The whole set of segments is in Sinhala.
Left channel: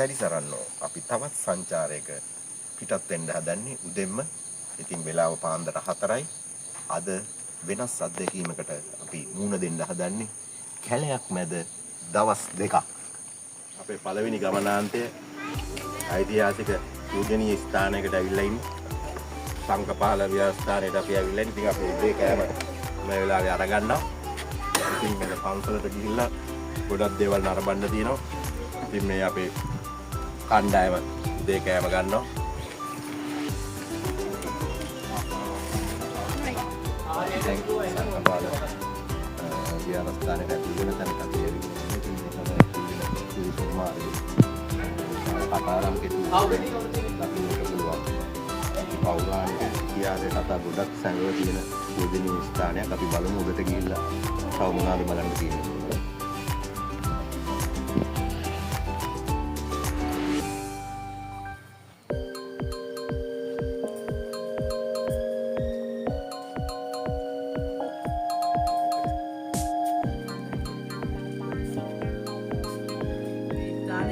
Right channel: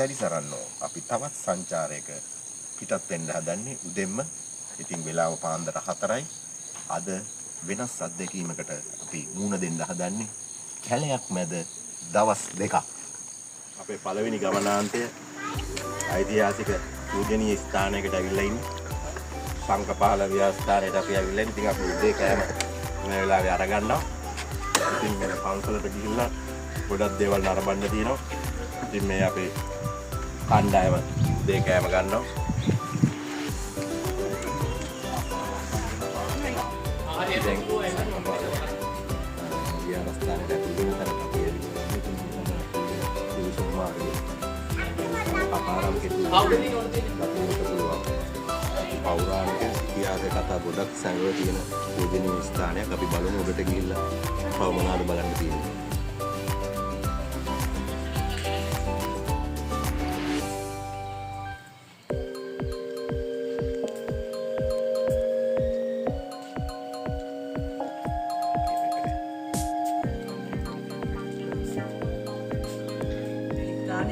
සැරිසරන්නෝ අපි තවත් සංචාරයක පිටත් වෙන්න හදන්නේ උදෙන්ම. ඉතින් වෙලාව පාන්දර 4යි. අද වෙනස් අත්දැකීමකට අපි මුණ දෙන්න හදන්නේ කැලයක් මැද දවස් 2ක්. අපේ පළවෙනි ගමනාන්තය ඓතිහාසික පූජනීය ස්ථානයකට ඇවිල්ලා ඉන්නේ. සංකපාල විහාරස්ථානයට අපි ඇවිල්ලා ඉන්නේ. ඉතින් අපි උදේ කෑම මේ වෙලාවේ අරගන්නවා. ඉතින් මෙන්න පන්සලට ගිහිල්ලා ගොඩක් දේවල් නරඹන්න තියෙනවා. ඉතින් මේ අපේ කණ්ඩායම උදේ කෑම ගන්නවා. දැන් සංකපාල විහාරස්ථානයට ඇවිල්ලා තැනට අපි පෞරාණික ඉතිහාස කතා ගොඩක් සංගය තියෙන පූජනීය ස්ථානයක්. අපි බලමු ඔබට ගිහිල්ලා තව මොනවාද බලන්න තියෙන්නේ.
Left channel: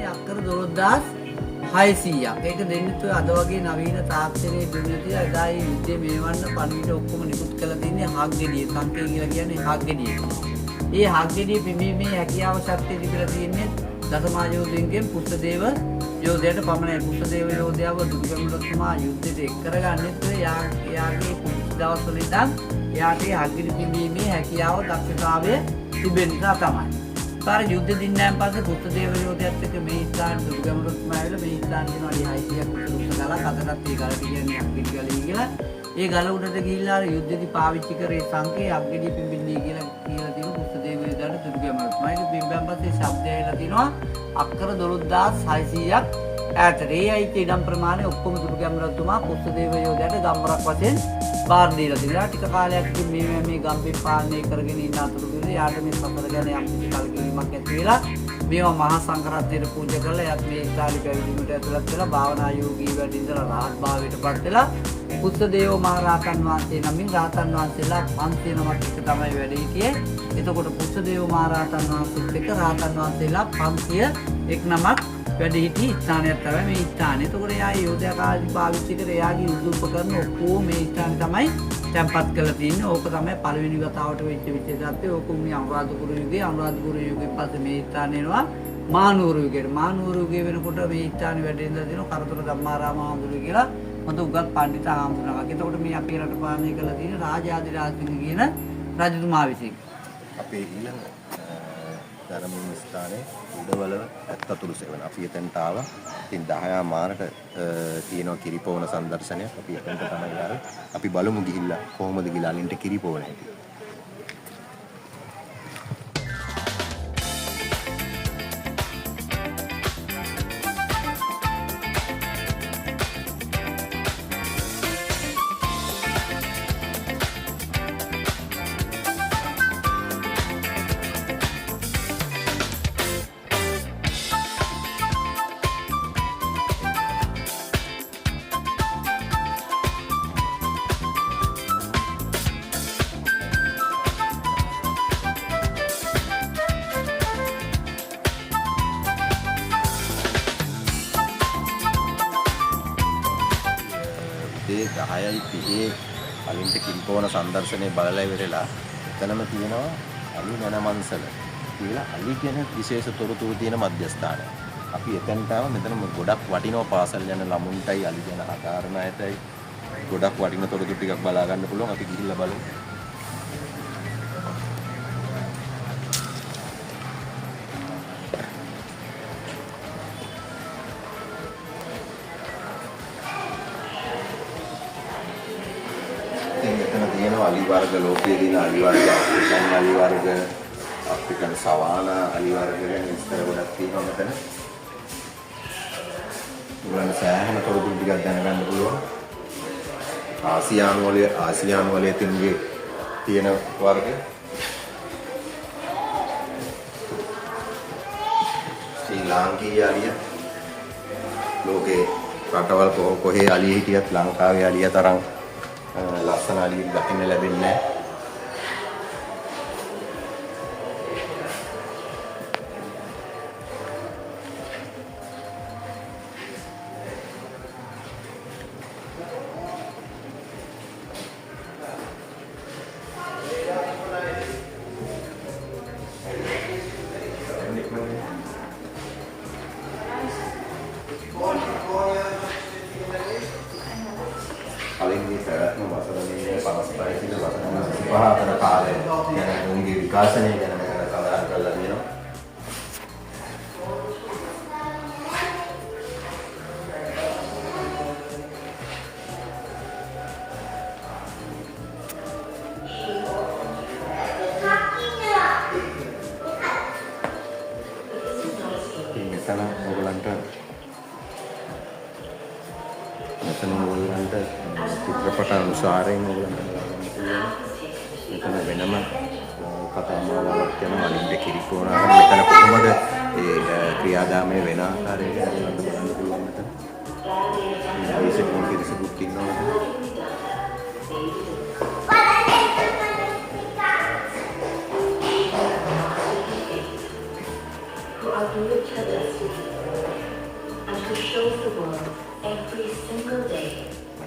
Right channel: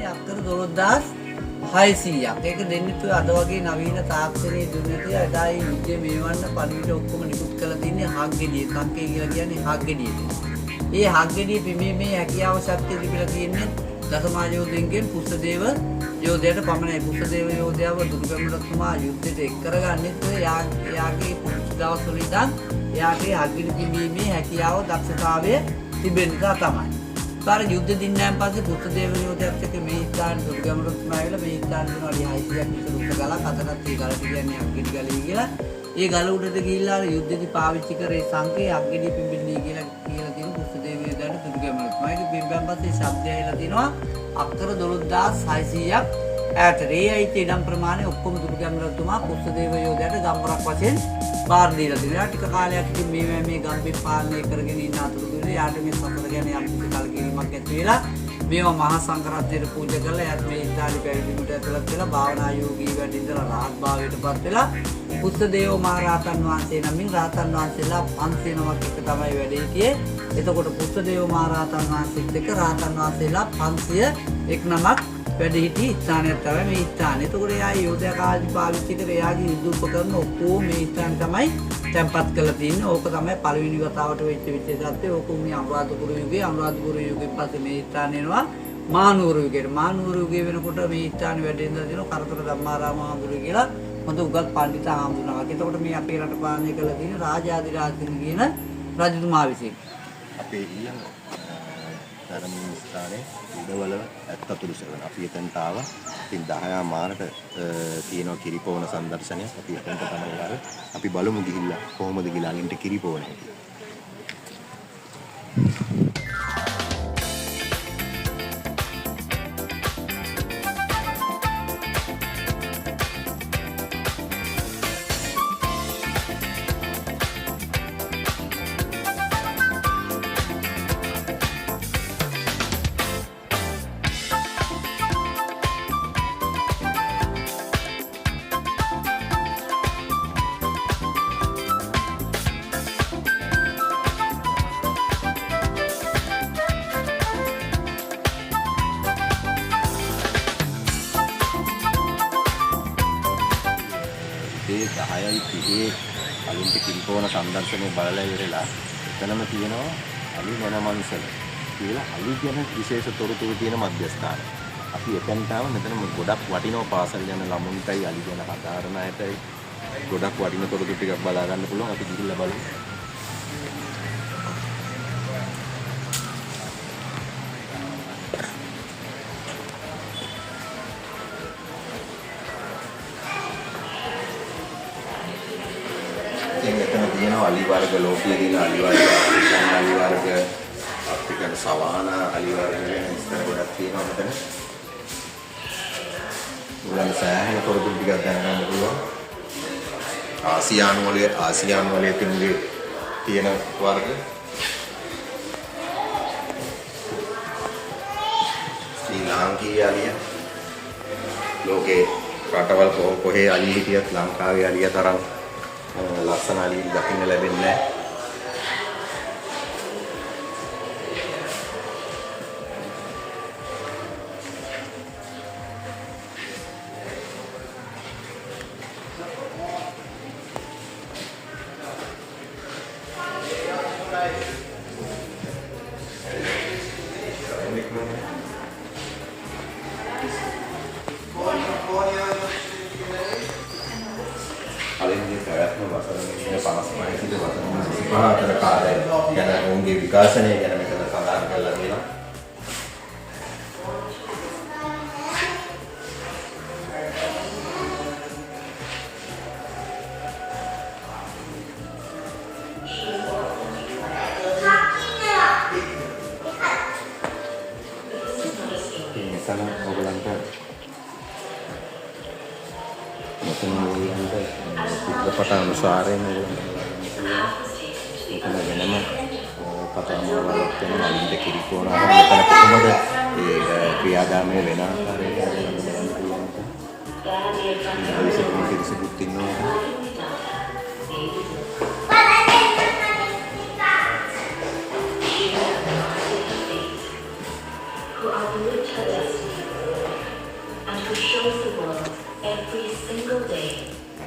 අක්කර 12600ක්. ඒක දෙන්නේ අද වගේ නවීන තාක්ෂණයේ දුන්නේ එදා ඒ යුද්ධය මෙවන්න පණිවිඩ ඔක්කොම නිකුත් කරලා තින්නේ හග්ගෙඩිය. කංකේ කියලා කියන්නේ හග්ගෙඩිය. ඒ හග්ගෙඩිය පිඹීමේ හැකියාව ශක්තිය තිබිලා තියෙන්නේ දසමායෝධයන්ගෙන් පුෂ්පදේව යෝධයාට පමණයි. පුෂ්පදේව යෝධයාව දුර්ගමතුමා යුද්ධයට එක් කරගන්නෙත් එයාගේ පුංචි දවස්වල ඉඳන් එයාගේ හග්ගෙඩි පිඹීමේ හැකියාව දක්ෂතාවය තිබෙන නිසා තමයි. පාර යුද්ධ දින්නයන් පස්සේ පුෂ්පදේව යෝධයාත් එක්ක මේ ස්ථාන දුර්ගමතුමා ඇවිල්ලා මේ ස්ථාන දෙනවා 600ක් විතර උඩ ගලක් අතටත් ඒ ගල කියන්නේ හග්ගෙඩි ගලයි කියලා. ඒ ගල උඩට ගිහිල්ලා යුද්ධෙදි පාවිච්චි කරේ සංකේ හග්ගෙඩි පිඹින්නේ කියලා තියෙන පුෂ්පදේව යෝධයාට දුර්ගමතුමා. ඒක පිඹන් පස්සේ ශබ්දය ඇවිල්ලා තිනවා අක්කර 12600ක් ඈතට. ඒ අයිති ඉඩම් ප්‍රමාණය ඔක්කොම දුර්ගමතුමා පුෂ්පදේව යෝධයාට ගම්වරක් වශයෙන් බාර දීලා තිනවා. ටික කාලයක් මේ ගම්පේ පාලනය කරගෙන ඉන්න අතරතුරේ යාට මේ සතර ගැන යම් කලකිරීමක් ඇති වෙලා මේවා මහා සංඝරත්නයට පූජා කරලා එයාත් මේ ඉස්ලාමී පැවිදිමට ඇතුළත් වෙලා භාවනා යෝගී වැඩ ඉඳලා රහත් භාවයටපත් වෙලා පුෂ්පදේව මහ රහතන් වහන්සේ නමින් රහතන් වහන්සේලා 500 නමක් එක තමයි වැඩ හිටියේ. එතකොට පුෂ්පදේව මහ රහතන් වහන්සේත් එක්ක රහතන් වහන්සේලා 501 නමක් වැඩ හිටි ස්ථානයක් තමයි මේ ස්ථානය. එතකොට එයා යෝධයා කාලේ පාවිච්චි කර එයාගේ යුද උපකරණ ඔක්කොම මේ ස්ථානේ තමයි තැන්පත් කරලා තියෙන්නේ. ඕක තමයි පළවෙනි වතාවට වෙච්ච විශේෂත්වය. ඕක උනේ අනුරාධපුර යුගයේ. අනුරාධපුර යුගයෙන් පස්සේ මේ ස්ථාන එනවා මහනුවර යුගයට. මහනුවර යුගයේ වෙනකොට මේ ස්ථානේ වැඩ ඉඳලා තියෙනවා කරතර ධම්මාරාම හාමුදුරුවෝ කියලා හොඳ උගත් පඬිත හාමුදුරුවෝ. එතකොට මේ අපේ රට පාලනය කරලා තියෙන රාජාධිරාජසිංහ කියන රජතුමා විසින්. අපේ ඊළඟ ධර්මීය ස්ථානයේ උඩවල 74 සෙවන අපි එතනට ආවා. ඉතින් 10 මාරට තියෙනවා කිරිපොවන සංදර්ශනයක්. අපි එතනට තමයි ආවේ. අපි බලමු ගිහිල්ලා කොහොමද ගිහලා අලින්ට කිරිපොවන හැටි. ඒ 10:30 අලින්ට කිරිපොවන සංදර්ශනය බලලා ඉවරලා එතනම තියෙනවා අලි මනමන්සල කියලා අලි කියන විශේෂ තොරතුරු තියෙන මධ්‍යස්ථානය. අපි එතනට ආව. මෙතන ගොඩක් වටිනවා පාසල් යන ළමුන්ටයි අලි ගැන හදාරන අයටයි ගොඩක් වටින තොරතුරු ටිකක් බලා ගන්න පුළුවන්. අපි ගිහිල්ලා බලමු. අලි වර්ග ලෝකයේ දින අලි වර්ග ආෆ්‍රිකන් අලි වර්ග ආෆ්‍රිකන් සවානා අලි වර්ග වෙන ඉස්තර ගොඩක් තියෙනවා මෙතන. උලන් සෑහෙන තොරතුරු ටිකක් දැනගන්න පුළුවන්. ආසියානු වලේ තියෙන වර්ග ශ්‍රී ලාංකීය අලිය ලෝකේ රටවල් කොහේ අලිය හිටියත් ලංකාවේ අලිය තරම් ලස්සන අලිය දකින්න ලැබෙන්නේ නැහැ. කලින් මේ පැවැත්ම වසරකින් 55 සිට වසර 25 අතර කාලය ගැන උන්ගේ විකාශනය ගැන මෙතන කතා කරලා තියෙනවා. Sana ඔයගලන්ට මෙතන ඔයගලන්ට චිත්‍රපට අනුසාරයෙන් ඔයගලන්ට බලන්න පුළුවන්. මෙතන වෙනම කතා මාලාවක් තියෙනවා. වලින්ද කිරිකෝණාර මෙතන කොහොමද ඒ ක්‍රියාදාමය වෙන ආකාරය ගැන ඔයගලන්ට බලන්න පුළුවන්. විශේෂයෙන් කිසිදුත් ඉන්නේ. Who shows the world every single day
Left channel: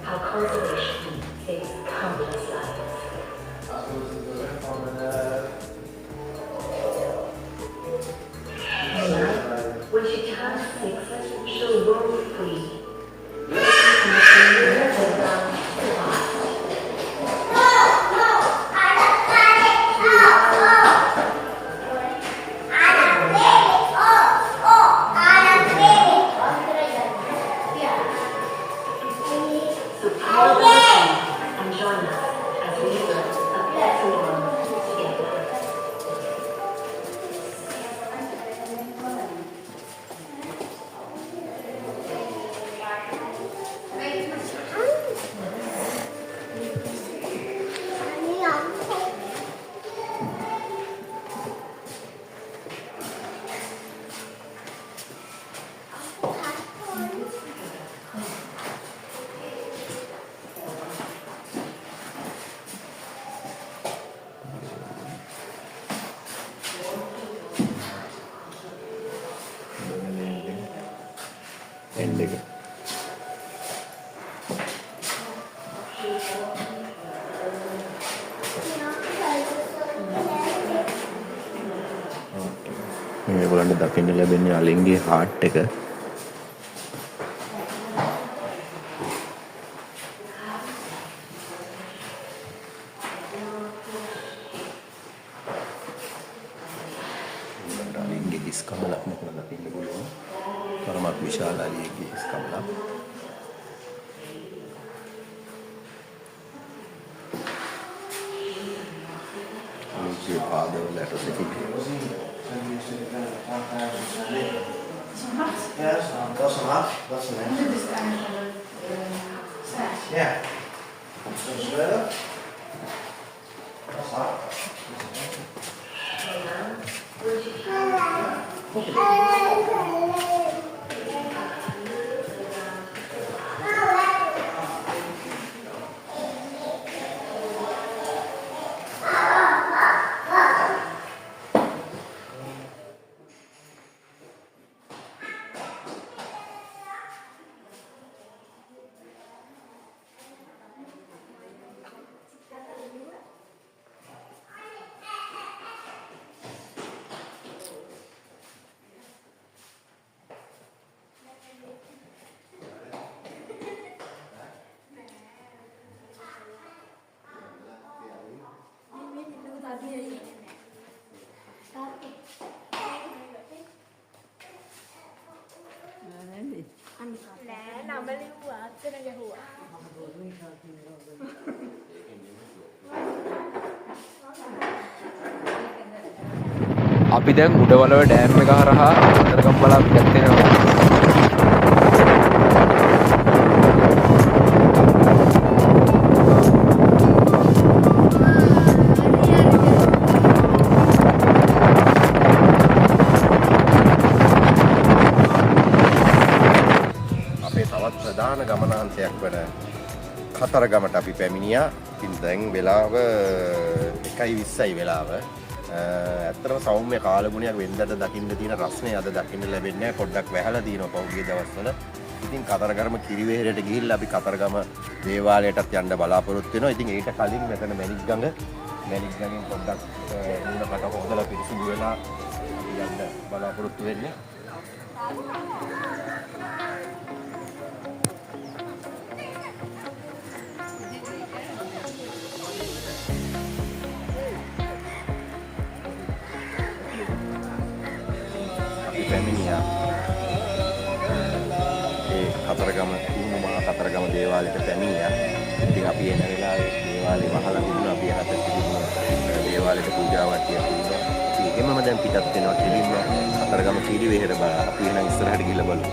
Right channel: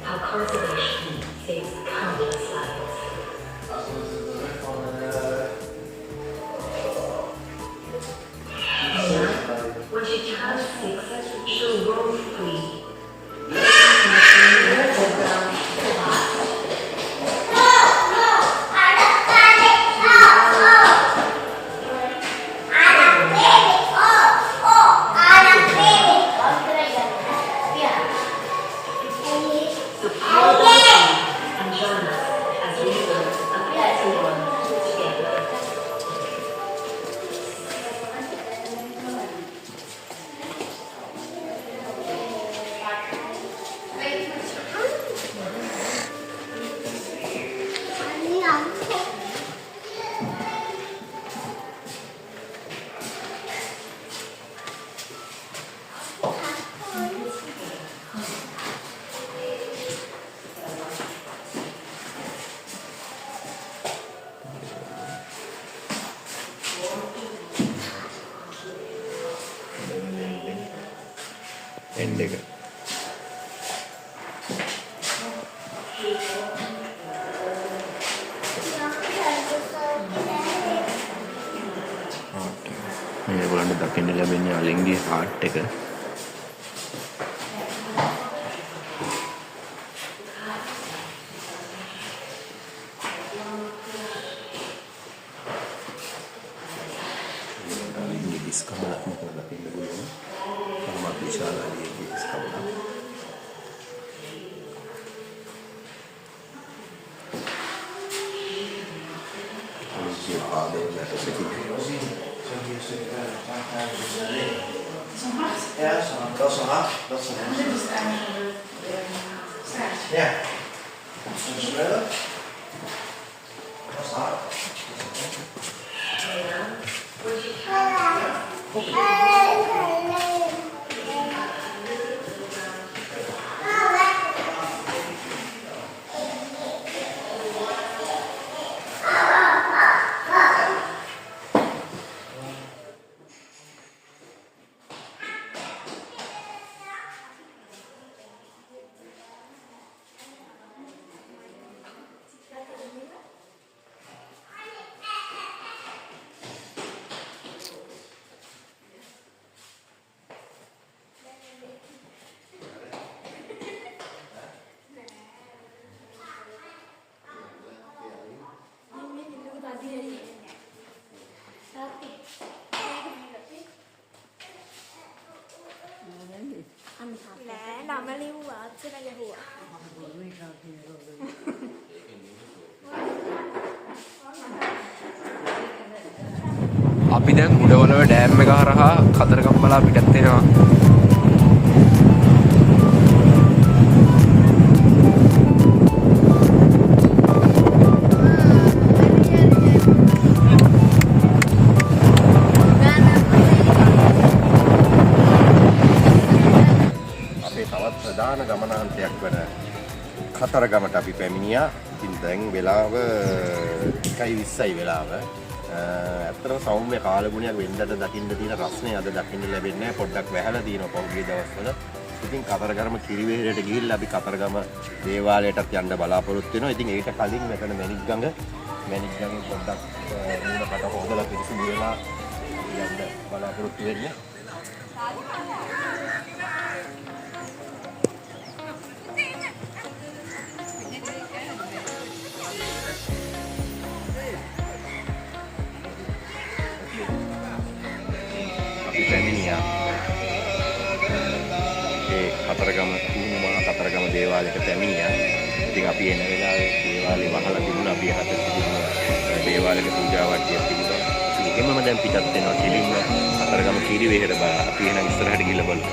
how conservation saves countless lives. When she turns 6, she'll roam free. End එක. මේගොල්ලන්ට දකින්න ලැබෙන්නේ අලින්ගේ හાર્ට් එක. අලින්ගේ දිස්කමලක් මෙතන දකින්න පුළුවන්. තරමක් විශාල අලියෙක්ගේ දිස්කමලක්. අලින්ගේ පාදයෙන් ලැට සිටින්නේ. Ja, dat is een hart. Dat is een hart. Ja. Zo spelen. Dat is hard. අපි දැන් උඩවලව ඩෑම් එක හරහා කතරගම්බලා පිටත් වෙනවා. අපේ තවත් ප්‍රධාන ගමනාන්තයක් වන කතරගමට අපි පැමිණියා. ඉතින් දැන් වෙලාව 1:20යි වෙලාව. ඇත්තටම සෞම්‍ය කාලගුණයක් වෙනදට දකින්න තියෙන රස්නේ අද දකින්න ලැබෙන්නේ නැහැ. පොඩ්ඩක් වැහලා තියෙනවා පහුගිය දවස්වල. ඉතින් කතරගම කිරිවේරයට ගිහිල්ලා අපි කතරගම දේවාලයටත් යන්න බලාපොරොත්තු වෙනවා. ඉතින් ඒකට කලින් මෙතන මැණික්ගඟෙන් පොඩ්ඩක් මූණකට හොදලා පිරිසිදු වෙලා අපි යන්න බලාපොරොත්තු වෙන්නේ. ඒ කතරගම කුහුණු මහා කතරගම දේවාලයට පැමිණියා. ඉතින් අපි එන වෙලාවේ දේවාලේ වහලා තිබුණා. අපි යහපත් තිබුණ දේවාලයට පූජා වට්ටියක් තිබුණා. අපි එහෙමම දැන් පිටත් වෙනවා කෙලින්ම කතරගම කිරිවෙහෙර බලා. අපි එහෙනම් ඉස්සරහට ගිහලා බලමු.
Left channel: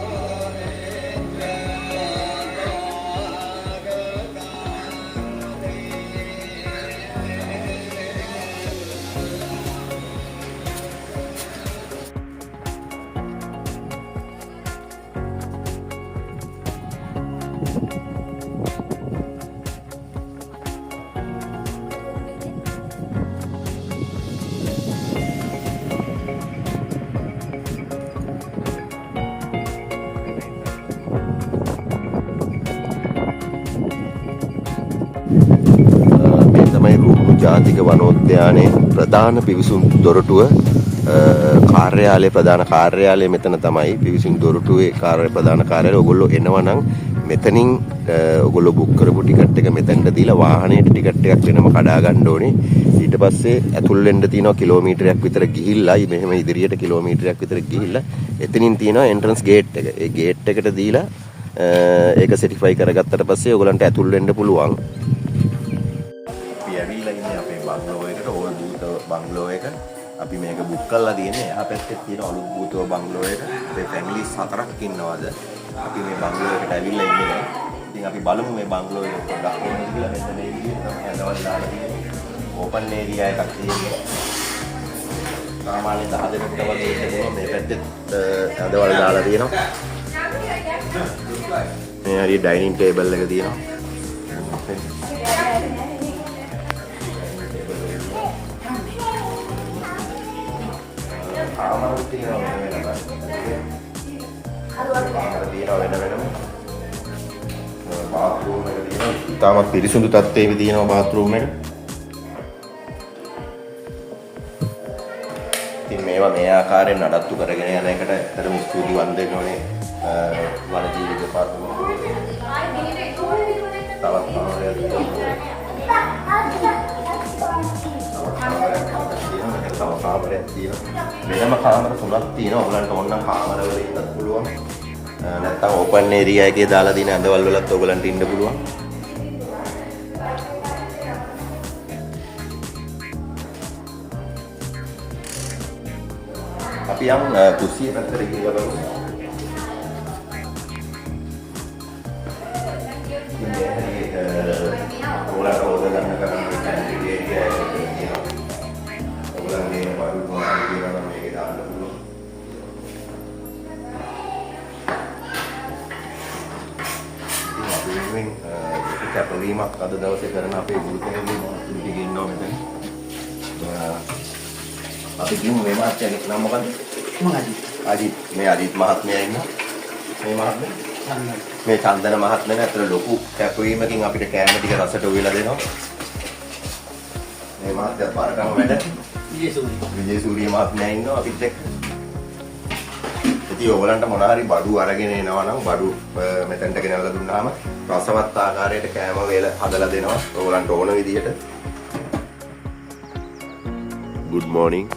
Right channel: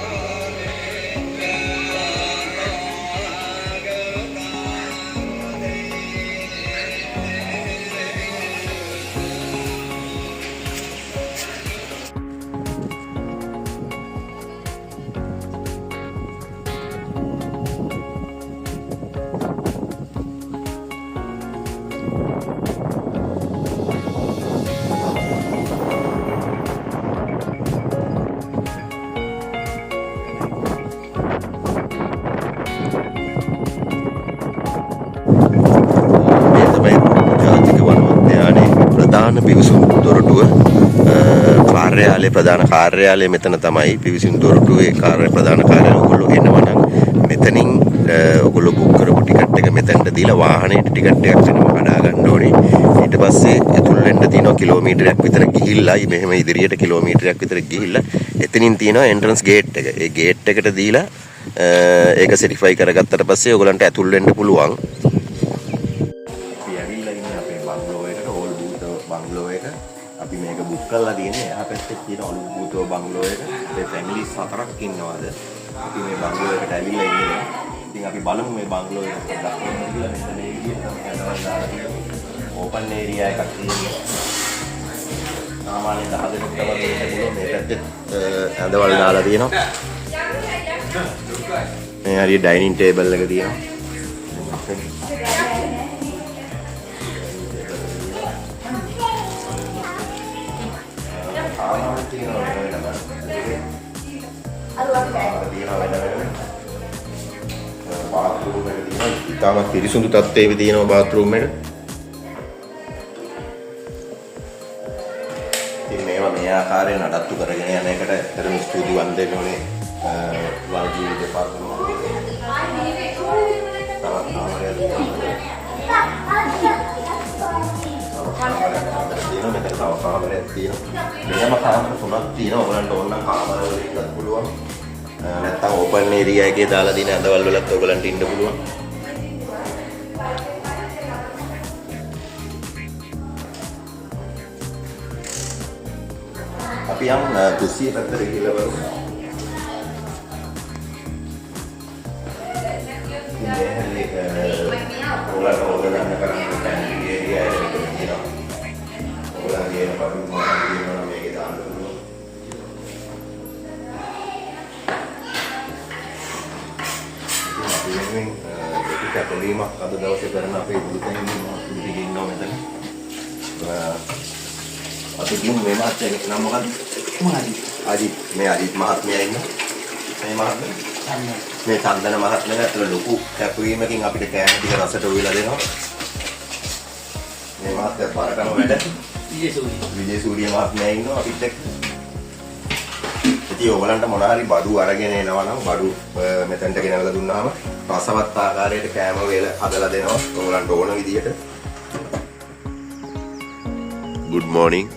ජාතික වනෝද්‍යානයේ ප්‍රධාන පිවිසුම් දොරටුව කාර්යාලයේ ප්‍රධාන කාර්යාලය මෙතන තමයි. පිවිසුම් දොරටුවේ ප්‍රධාන කාර්යාලය ඔයගොල්ලෝ එනවා නම් මෙතනින් ඔයගොල්ලෝ බුක් කරපු ටිකට් එක මෙතනට දීලා වාහනේට ටිකට් එකක් වෙනම කඩා ගන්න ඕනේ. ඊට පස්සේ ඇතුල් වෙන්න තියෙනවා කිලෝමීටරයක් විතර ගිහිල්ලා මෙහෙම ඉදිරියට කිලෝමීටරයක් විතර ගිහිල්ලා එතනින් තියෙනවා එන්ට්‍රන්ස් ගේට් එක. ඒ ගේට් එකට දීලා ඒක සර්ටිෆයි කරගත්තට පස්සේ ඔයගලන්ට ඇතුල් වෙන්න පුළුවන්. අපි මේක බුක් කරලා තියෙන්නේ එහා පැත්තේ තියෙන අලුත් භූතව බංගලෝ එක. ඒ ෆැමිලි 4ක් ඉන්නවාද. අපි මේ බංගලෝ එකට ඇවිල්ලා ඉන්නේ. ඉතින් අපි බලමු මේ බංගලෝ එක පොඩ්ඩක් කොහොමද කියලා. මෙතන මේ විදිහට තමයි හදවල් දාලා තියෙන්නේ. ඕපන් ඒරියා එකක් තියෙන්නේ. සාමාන්‍ය 10 දෙනෙක් වගේ ඉන්නේ. මේ පැත්තේ හදවල් දාලා තියෙනවා. මේ හරිය ඩයිනින් ටේබල් එක තියෙනවා. ඉතාමත් පිරිසුදු තත්ත්වයේ තියෙනවා බාත්රූම් එක. ඉතින් මේවා මේ ආකාරයෙන් නඩත්තු කරගෙන යන එකට ඇත්තටම ස්තුතිවන්ත වෙන්න ඕනේ වනජීවි දෙපාර්තමේන්තුවට. තවත් කාමරයක් තියෙනවා. වෙනම කාමර 3ක් තියෙනවා. ඔයගලන්ට ඕන කාමර වලින් ඉන්න පුළුවන්. නැත්තම් ඕපන් ඒරියා එකේ දාලා දින ඇඳවල් වලත් ඔයගලන්ට ඉන්න පුළුවන්. අපි යම් කුස්සිය පැත්තට ගිහලා බලමු. කැපවීමක් අද දවසේ කරන අපේ ගුරුතුමෝ පිටින් ඉන්නවා මෙතන. අපි කියමු මේ මාත්‍යාගේ නම මොකද්ද? අජිත්. මේ අජිත් මහත්මයා ඉන්නවා. මේ මහත්මයා මේ චන්දන මහත්මයා අතර ලොකු කැපවීමකින් අපිට කෑම ටික රසට උයලා දෙනවා. මේ මහත්මයා පාරටම වැඩ. විජේසූරිය මහත්මයා ඉන්නවා අපිත් එක්ක. ඉතින් ඔයගලන්ට මොන හරි බඩු අරගෙන එනවා නම් බඩු මෙතනට ගෙනල්ලා දුන්නාම රසවත් ආකාරයට කෑම වේල හදලා දෙනවා ඔයගලන්ට ඕන විදිහට. good morning.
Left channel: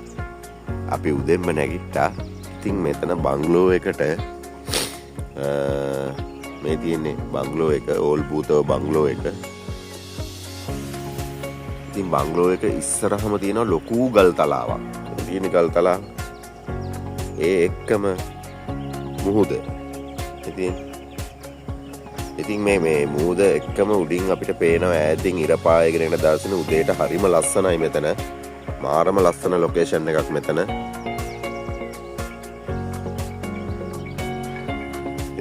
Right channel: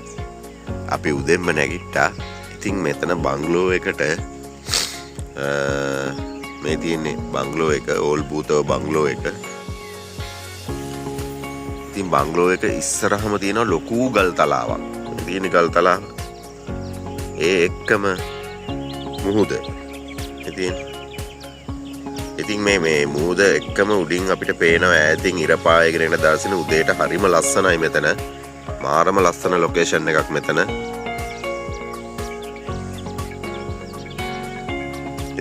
අපි උදෙන්ම නැගිට්ටා. ඉතින් මෙතන බංගලෝ එකට මේ තියෙන්නේ බංගලෝ එක ඕල් භූතව බංගලෝ එක. ඉතින් බංගලෝ එක ඉස්සරහම තියෙන ලොකු ගල් තලාවක්. තියෙන ගල් තලාව ඒ එක්කම මුහුද. ඉතින් මේ මුහුද එක්කම උඩින් අපිට පේනවා ඈතින් ඉර පායගෙන එන දර්ශන උදේට හරිම ලස්සනයි මෙතන. මාරම ලස්සන ලොකේෂන් එකක් මෙතන.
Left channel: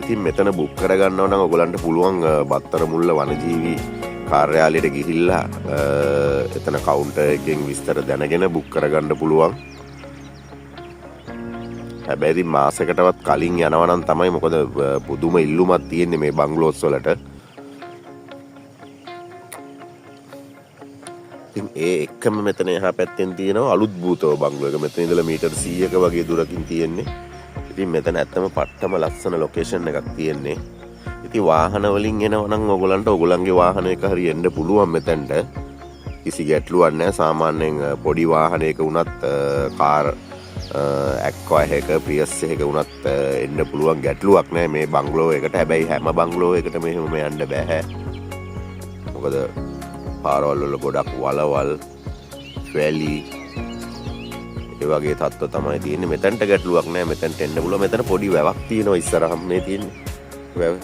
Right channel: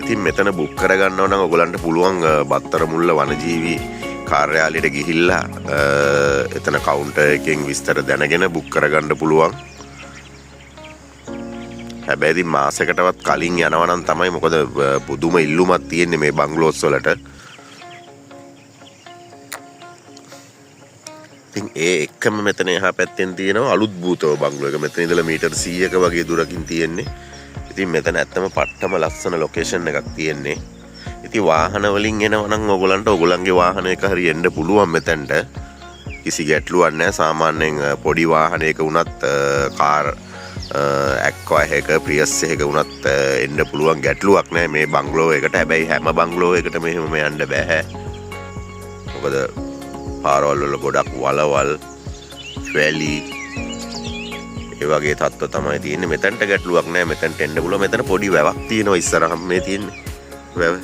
ඉතින් මෙතන බුක් කරගන්නව නම් ඔයගලන්ට පුළුවන් බත්තර මුල්ල වනජීවි කාර්යාලයට ගිහිල්ලා එතන කවුන්ටර් එකෙන් විස්තර දැනගෙන බුක් කරගන්න පුළුවන්. හැබැයි ඉතින් මාසයකටවත් කලින් යනවා නම් තමයි. මොකද පුදුම ඉල්ලුමක් තියෙන්නේ මේ බංගලෝස් වලට. ඉතින් ඒ එක්කම මෙතන එහා පැත්තෙන් තියෙනවා අලුත් භූතව බංගලෝ එක. මෙතන ඉඳලා මීටර් 100ක වගේ දුරකින් තියෙන්නේ. ඉතින් මෙතන ඇත්තම පට්ටම ලස්සන ලොකේෂන් එකක් තියෙන්නේ. ඉතින් වාහන වලින් එනවා නම් ඔයගලන්ට ඔයගලන්ගේ වාහනයක හරි එන්න පුළුවන් මෙතනට. කිසි ගැටලුවක් නැහැ. සාමාන්‍යයෙන් පොඩි වාහනයක වුණත් කාර් ඇක්වා එක ප්‍රියස් එක වුණත් එන්න පුළුවන් ගැටලුවක් නෑ මේ බංගලෝ එකට. හැබැයි හැම බංගලෝ එකට මෙහෙම යන්න බෑ. මොකද පාරවල් වල ගොඩක් වලවල් වැලි ඒ වගේ තත්ත්ව තමයි තියෙන්නේ. මෙතනට ගැටලුවක් නෑ. මෙතනට එන්න පුළුවන්. මෙතන පොඩි වැවක් තියෙනවා ඉස්සරහම මේ තියෙන්නේ වැව.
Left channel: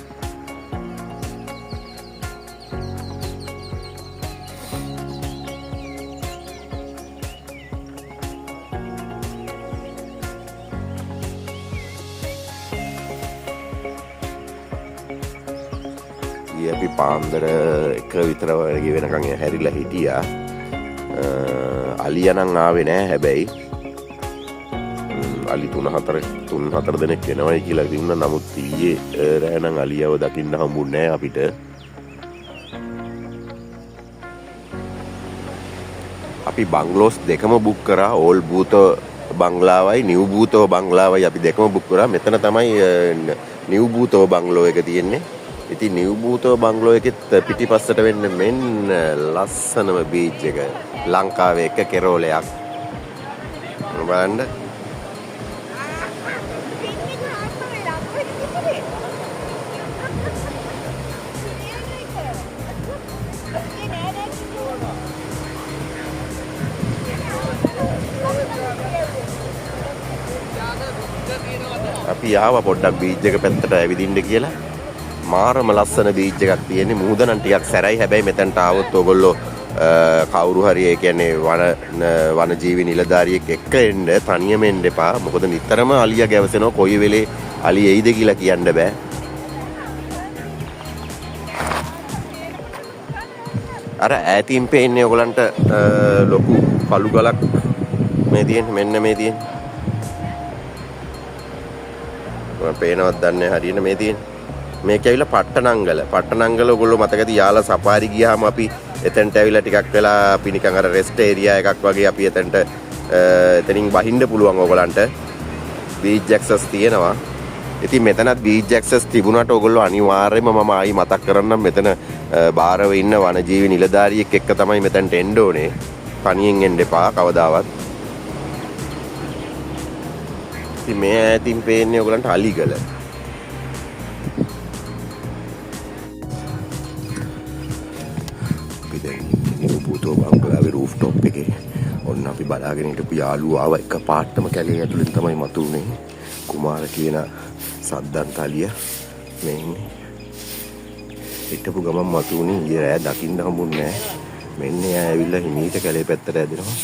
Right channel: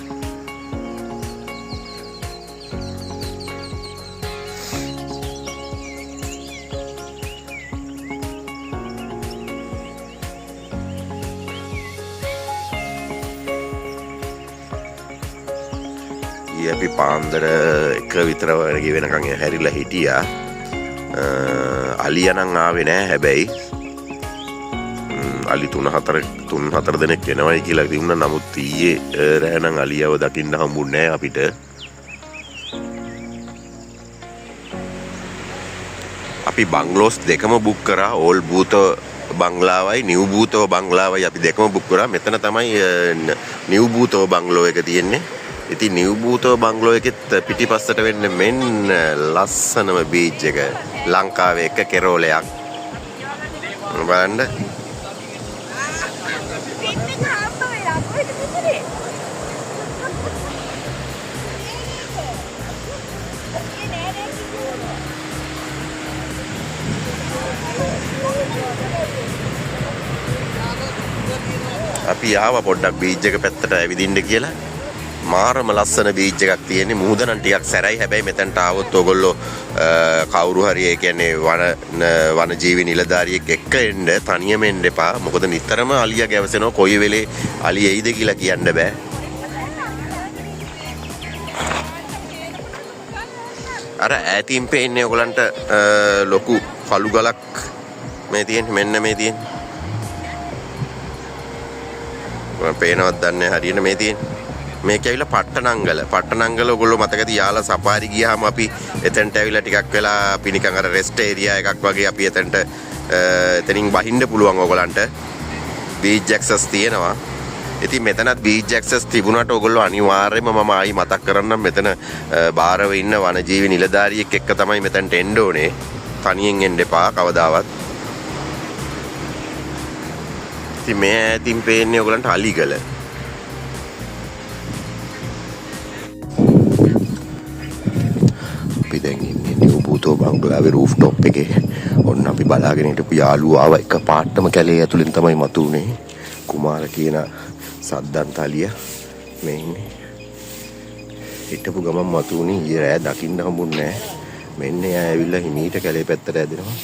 අපි පාන්දර 1 විතර වගේ වෙනකන් හැරිලා හිටියා. අලියා නම් ආවේ නෑ. හැබැයි අලි 3-4 දෙනෙක් එනවයි කියලා කිව්ුණා. නමුත් ඊයේ රෑ නම් අලියව දකින්න හම්බුන්නේ නෑ අපිට. අපි බංගලෝස් දෙකම බුක් කරා. ඕල් බූතෝ බංගලාවයි නිව් බූතෝ බංගලාවයි අපි දෙකම බුක් කරා. මෙතන තමයි නිව් බූතෝ බංගලෝ එක තියෙන්නේ. ඉතින් නිව් බූතෝ බංගලෝ එකෙත් පිටිපස්සට වෙන්නේ මෙන්න ලස්සනම බීච් එක. ලංකාවේ එක කෙරෝලයක්. බලන්න. අපි ආවා පොඩ්ඩක් බීච් එක පැත්තට ඇවිදින්න කියලා. මාරම ලස්සන බීච් එකක් තියෙන්නේ. මුහුද නම් ටිකක් සැරයි. හැබැයි මෙතනට ආවොත් ඔයගොල්ලෝ කවුරු හරි ඒ කියන්නේ වනජීවි නිලධාරියෙක් එක්ක එන්න. තනියම එන්න එපා. මොකද නිතරම අලියා ගැවසෙනවා. කොයි වෙලේ අලිය එයිද කියලා කියන්න බෑ. අර ඈතින් පේන්නේ ඔයගලන්ට ලොකු කළු ගලක් මේ තියෙන්නේ. මෙන්න මේ තියෙන්නේ. මම පේනවත් දන්නේ හරියට මේ තියෙන්නේ. මේක ඇවිල්ලා පට්ටනංගල. පට්ටනංගල ඔයගොල්ලෝ මතකද යාලා සෆාරි ගියාම අපි එතනට ඇවිල්ලා ටිකක් වෙලා අපි නිකන් අර රෙස්ට් ඒරියා එකක් වගේ අපි එතනට එතනින් බහින්න පුළුවන් ඔයගලන්ට. බීච් ඇක්සස් තියෙනවා. ඉතින් මෙතනත් බීච් ඇක්සස් තිබුණාට ඔයගොල්ලෝ අනිවාර්යයෙන්ම මම ආයි මතක් කරන්නම් මෙතන බාරව ඉන්න වනජීවි නිලධාරියෙක් එක්ක තමයි මෙතනට එන්න ඕනේ. තනියෙන් එන්න එපා කවදාවත්. ඉතින් මේ ඈතින් පේන්නේ ඔයගලන්ට අලිගල. බූතෝ බංගලාවේ රූෆ් টොප් එකේ ඔන්න අපි බලාගෙන හිටපු යාළුවා ආවා. එක පාටම කැලේ ඇතුලින් තමයි මතුනේ. කුමාර කියන සද්දන්තලිය මේ ඉන්නේ. හිටපු ගමන් මතුනේ. ඊයේ රෑ දකින්න හම්බුන්නේ නැහැ. මෙන්න එයා ඇවිල්ලා හිමීට කැලේ පැත්තට ඇදෙනවා.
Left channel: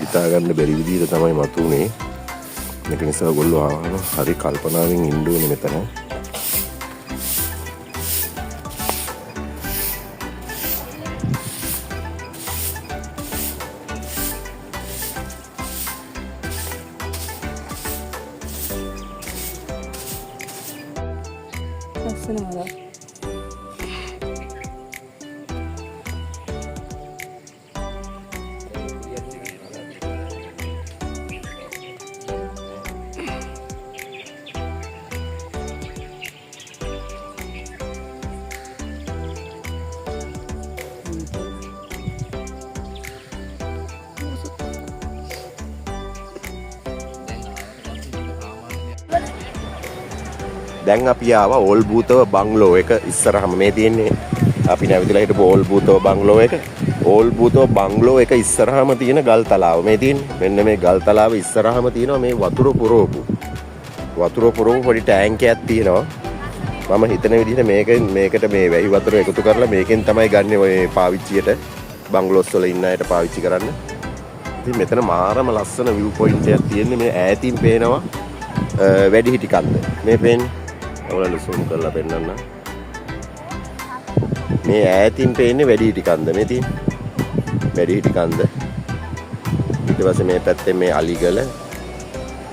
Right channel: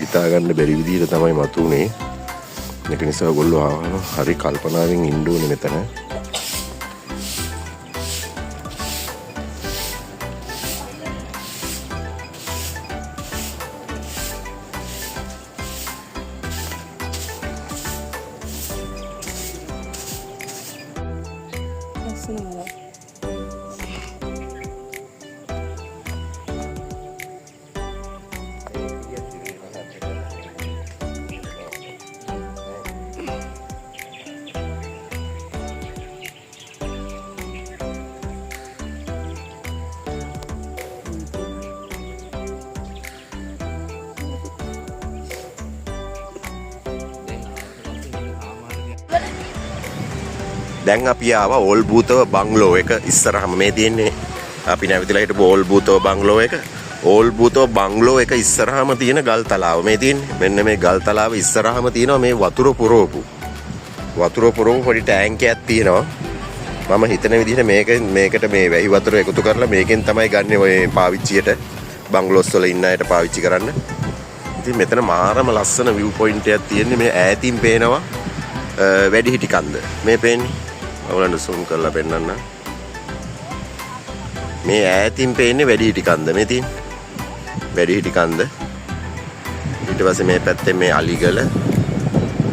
හිතා ගන්න බැරි විදිහට තමයි මතුනේ. ඒක නිසා ඔයගොල්ලෝ ආවම හරි කල්පනාවෙන් ඉන්න ඕනේ මෙතන. දැන් අපි ආවා ඕල් බූතව බංගලෝ එක ඉස්සරහම මේ තියෙන්නේ. අපි නැවිදලා හිටපු ඕල් බූතව බංගලෝ එක. ඕල් බූතව බංගලෝ එක ඉස්සරහම තියෙන ගල් තලාව මේ තියෙන්නේ. මෙන්න මේ ගල් තලාව ඉස්සරහම තියෙනවා මේ වතුර පුරවපු පොඩි ටැංකියක් තියෙනවා. මම හිතන විදිහට මේකට මේ වැහි වතුර එකතු කරලා මේකෙන් තමයි ගන්න ඔය පාවිච්චියට බංගලෝස් වල ඉන්න අයට පාවිච්චි කරන්න. ඉතින් මෙතන මාරම ලස්සන view point එකක් තියෙන්නේ. මේ ඈතින් පේනවා වැඩිහිටි කන්ද. මේ පේන්නේ. ඔයාලට zoom කරලා පෙන්නන්න. මේ ඈතින් පේන්නේ වැඩිහිටි කන්ද. මේ තියෙන්නේ වැඩිහිටි කන්ද. ඊට පස්සේ මේ පැත්තේ මේ අලිගල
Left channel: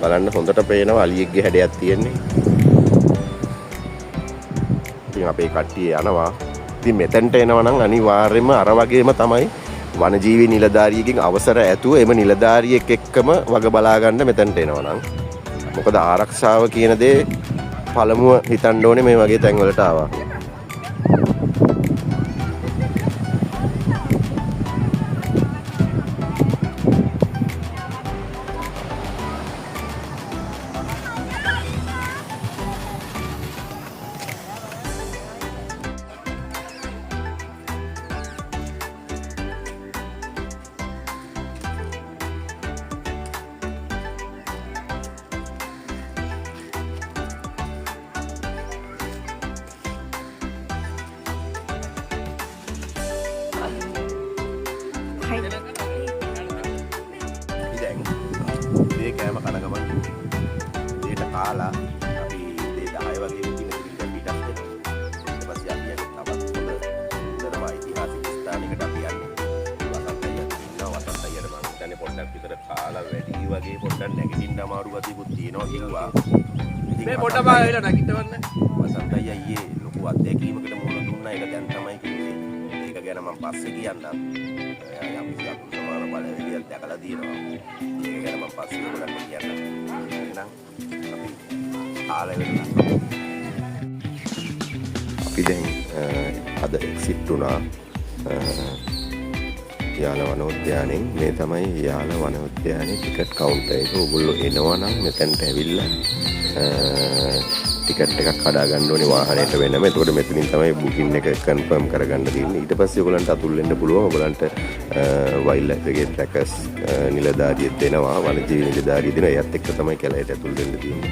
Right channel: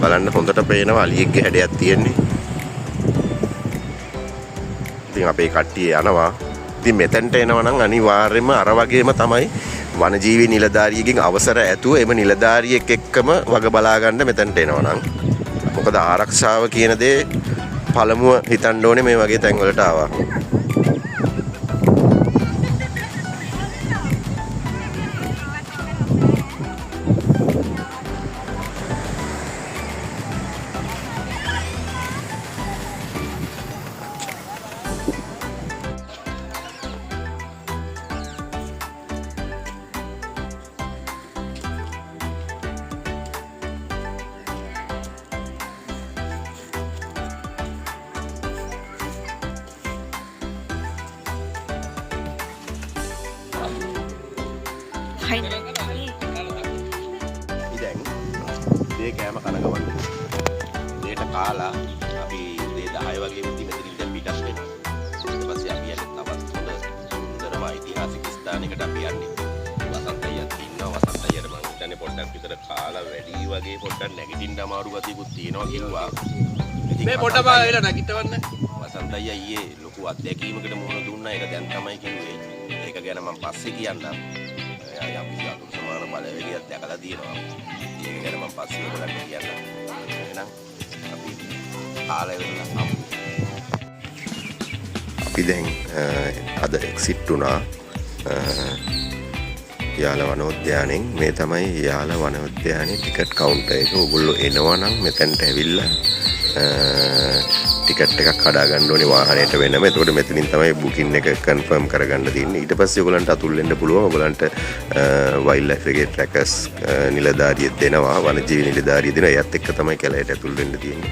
බලන්න හොඳට පේනවා. අලියෙක්ගේ හැඩයක් තියෙන්නේ. ඉතින් අපේ කට්ටිය යනවා. ඉතින් මෙතෙන්ට එනවා නම් අනිවාර්යයෙන්ම අර වගේම තමයි වනජීවි නිලධාරියෙක්ගෙන් අවසර ඇතුව එම නිලධාරියෙක් එක්කම වග බලා ගන්න මෙතෙන්ට එනවා නම්. මොකද ආරක්ෂාව කියන දේ පළමුව හිතන්න ඕනේ මේ වගේ තැන්වලට ආවා. Fine. ඉතින් මේ කෑම කන ගමන් දෙයට කාලා අපි 10 වගේ විදිහට මෙතනින් පිටස් වෙනවා. ඊට පස්සේ අපි යන්නේ තවත් හොඳම ඓතිහාසික ස්ථානයකට අපි යන්නේ. වසන්ත අයියක් ඉන්නවා. වසන්ත අයියට මම හිතන්නේ පොඩ්ඩක් විතර කාලා වැඩි වගේ පොඩ්ඩක් නැගිටින්න අමාරු ගතියකුත් තියෙනවා කිව්වා. මේ පොඩ්ඩක් වෙලා නැගිටවන්න. වසන්ත අයියා ඊයේ ලොකු අත්දැකීමකට මුහුණ දුන්නා. ඒක දැන් තමයි කිව්වේ. ඒක ගැන මම පස්සේ කියන්නම්. යම් කිසියම් සමාන බලවේගයක් දැකලා තියෙනවා. ඒක ගැන මම පස්සේ ඔයගොල්ලන්ට කියන්නම්. එහෙනම් අපි කාලය වෙනවා. අපි දැන් අද එක්සිට් වුණා යාල වනෝද්‍යානෙන්. මේ තමයි යාල වනෝද්‍යානයේ ටිකට් කවුන්ටර් එක. ඔයගොල්ලෝ එනවා නම් මෙතනට ඇවිල්ලා ටිකට් එකක් කඩා ගන්න ඕනේ වාහනයට වෙනම. එතකොට මෙතනින් තමයි බුකින් එක කන්ෆර්ම් කරගන්න තියෙන්නේ. ඊට පස්සේ ඔයගලන්ට අතුල් වෙන්න පුළුවන්. ඔයගලන්ට වයිල්ඩ් ලයිෆ් එකේ ට්‍රැකර්ස් නිලධාරියෙක් දෙනවා. වනජීවි නිලධාරියෙක් දෙනවා. එයත් එක්ක තමයි කැලයට ඇතුල් වෙන්න තියෙන්නේ.